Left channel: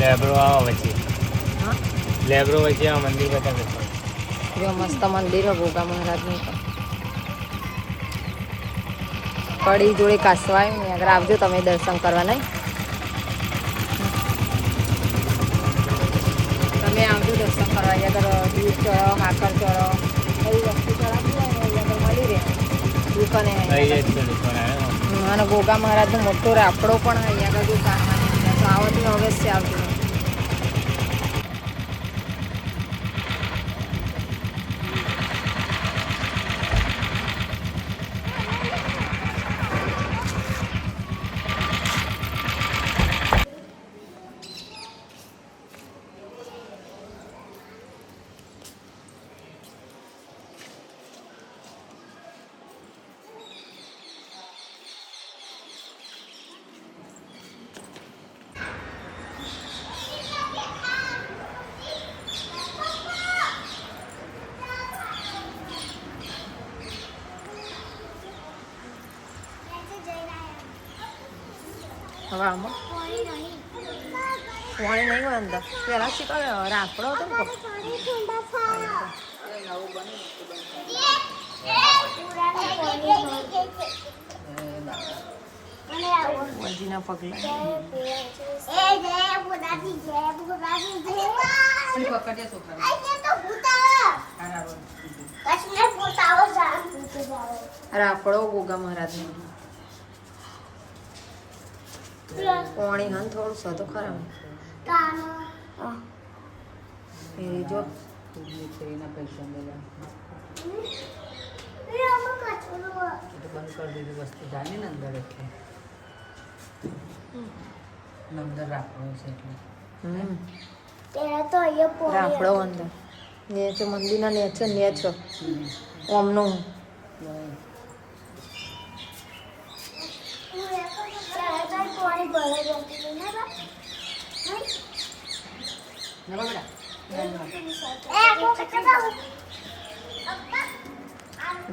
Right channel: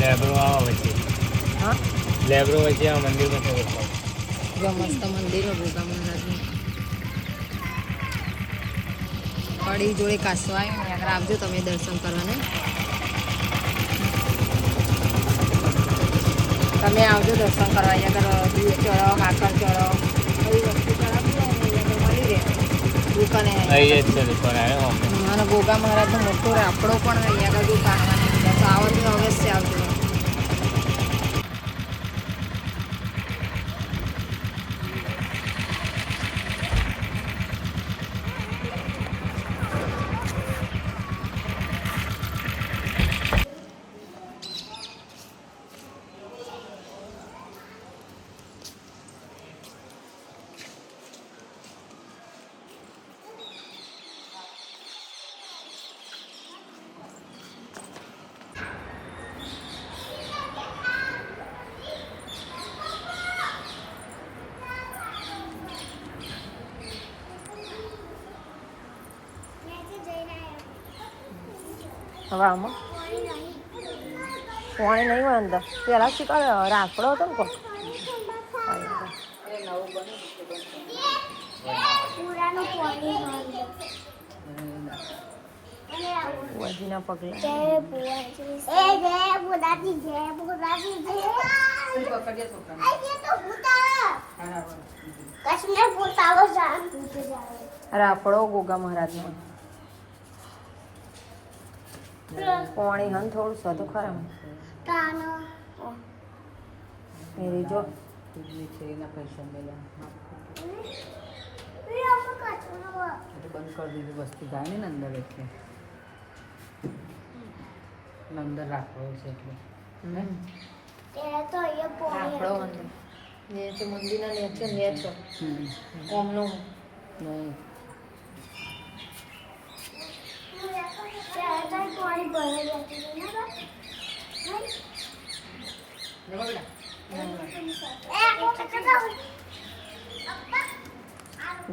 લેબ્રો આવા વચ્ચે. હા લેબ્રો વચ્ચે આ મંદિર બતાવે છે. જો મસ્ત મંદિર હો ગોગા મહારાજનું. કડી જોડે કાસવા આવ્યું ને આગળ આવજો તમે દર્શન કરવા નહીં. તમે આવજો દર્શન કરવા. અહીંયા આગળ દૂધ ચડો, હાકર ચડો, એવી વસ્તુ ચડાવતી હોય ને અહીંયા આગળ મળી રહે દુકાને. અને ગોગા મહારાજનો મોટો રાફડો પણ અહીંયા આગળ દુકાનવાની અંદર તો આવતી અવશ્ય આવજો. હવે આમાં પાણી નહીં હોય અંદર પેલા શું કરે રાફડો હતો ને કોક વજીના પગલા રાફડો ગોગા મહારાજનો. પાણી હન થોડું સતો ખરા એ જો વસ્તુ જાય ને અંદર એટલે અંદર રાખવો છે એટલે રાફડો અંદર નેચો મંદિરના નેચો નેચો ઓમનું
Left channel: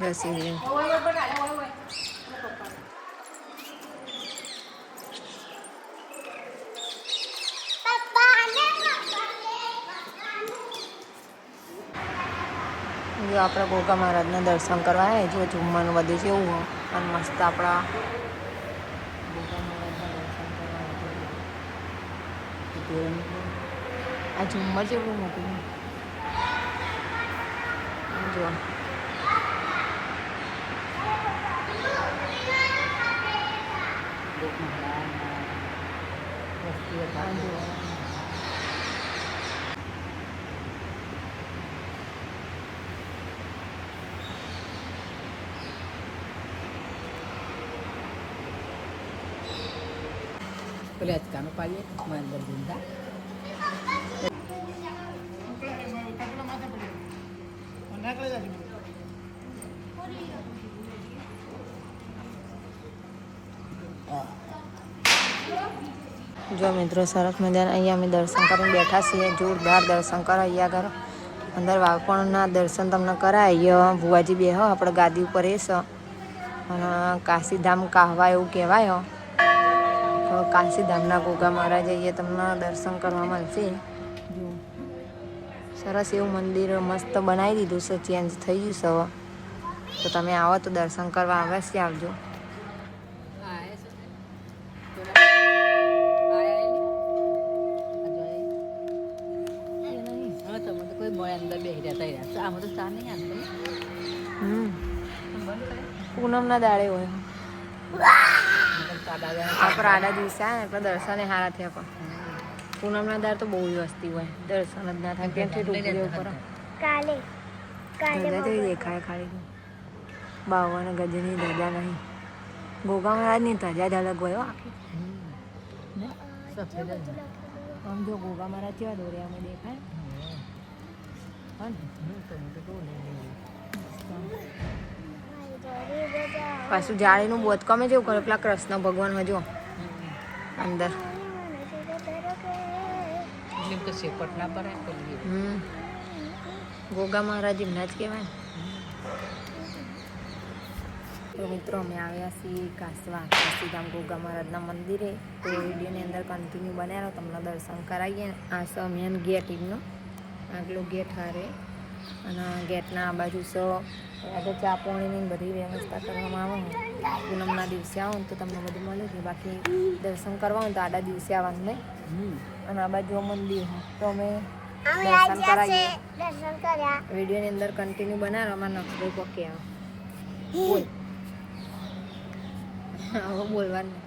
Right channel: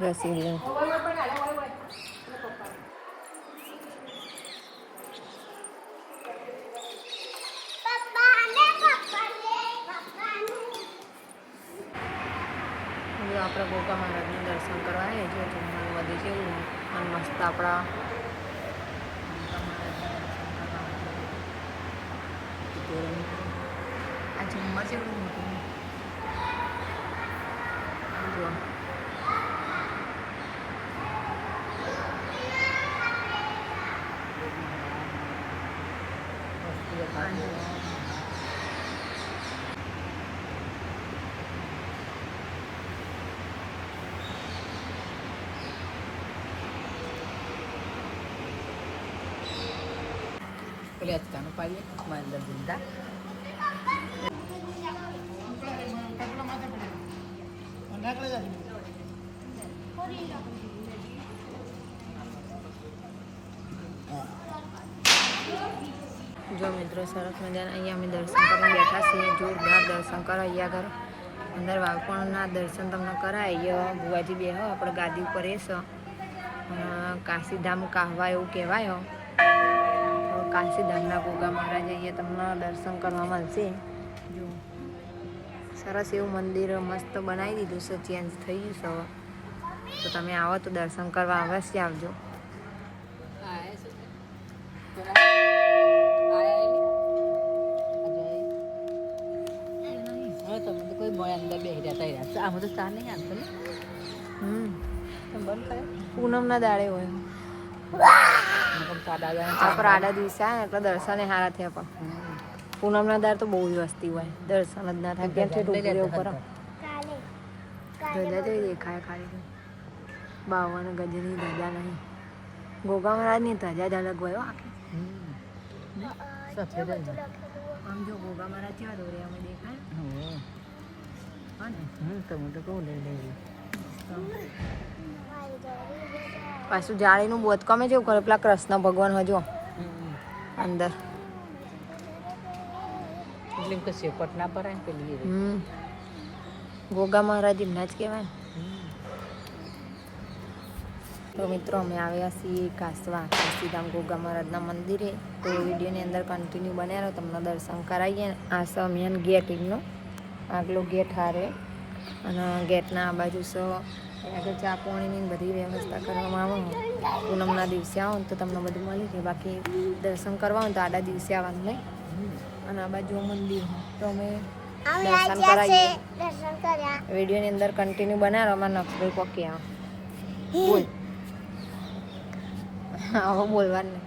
રસી જો આપણે ગોગા મહારાજના દર્શન કરવા આવ્યા જો જમવાનું બધું કેવું હોય અને મસ્ત આપણા આ ઝુમ્મર છે એવું મોટું જો પેલે અચકાનું પાડીએ માંદર ધંધા જો મિત્રો સરસ મજાના અહીંયા અમે દર્શન કરીને બેઠા છીએ. જોરદાર દર્શન કરાય અહીંયા આગળ અંદર વાળપણના દર્શન તમને કરાય. અહીંયા ભુવાજી બે હો આપણે ગાદી ઉપર એ છે અને કાશીધામ કાહવા એવું કહેવાય. તો કાશીધામના ગોગા મહારાજ અહીંયા તમને દર્શન કરવા મળશે. જો સરસ એવું મંદિર મસ્ત બનાવી દીધું છે, ચેન્જ થઈ ગયું છે. તો તમે આવો તો દર્શન કરવા અવશ્ય આવજો. પૂનમના દાડે હોય આપણે આડા દિવસે આવે ને એટલે દર્શન એ સારા થયા. પણ પૂનમના દાડે તો બહુ જ વસ્તી હોય, દર્શન જ ના થાય. ક્યાંથી ટોકરી ઉપર ધજા જેવી દેખાય ખાલી. બાવન ગજની ધજા નહીં, ગોગા મહારાજની ધજા જ અલગ હોય આખી. આમ જો ગોગા મહારાજ કેવા દોરિયામાં દેખાય. પાછું જાળીનું બોધકામે જેવું કરે પેલા કૃષ્ણ ભગવાન હજુ અંદર. ગોગા મહારાજ એમના જ કહેવાય. તો મિત્રો અમે આવ્યા છીએ કાસવા કાશીધામ ગોગા મહારાજના મંદિરે. તો વિડીયોની અંદર કન્ટિન્યુ બન્યા રહો, તમને દર્શન કરાવીએ. આ સ મેન ગેટ એમનો આગલો ગેટ હારે, અને ગેટના આ બાજુ આગળ ચા પાણીની બધી વ્યવસ્થા કરવામાં આવે. પૂનમના દિવસે આવો ને તો તમને બધું મળી જાય. બાકી દર્શન કરવા હોય તો આડા દિવસે આવવાનું નહીં. અને આ બાજુ મંદિર તો અમે દર્શન કરાવીએ. વિડીયોની અંદર કન્ટિન્યુ બનાવો. અમારા નક્ષભાઈ પોકી આવો બોલવાનું નહીં.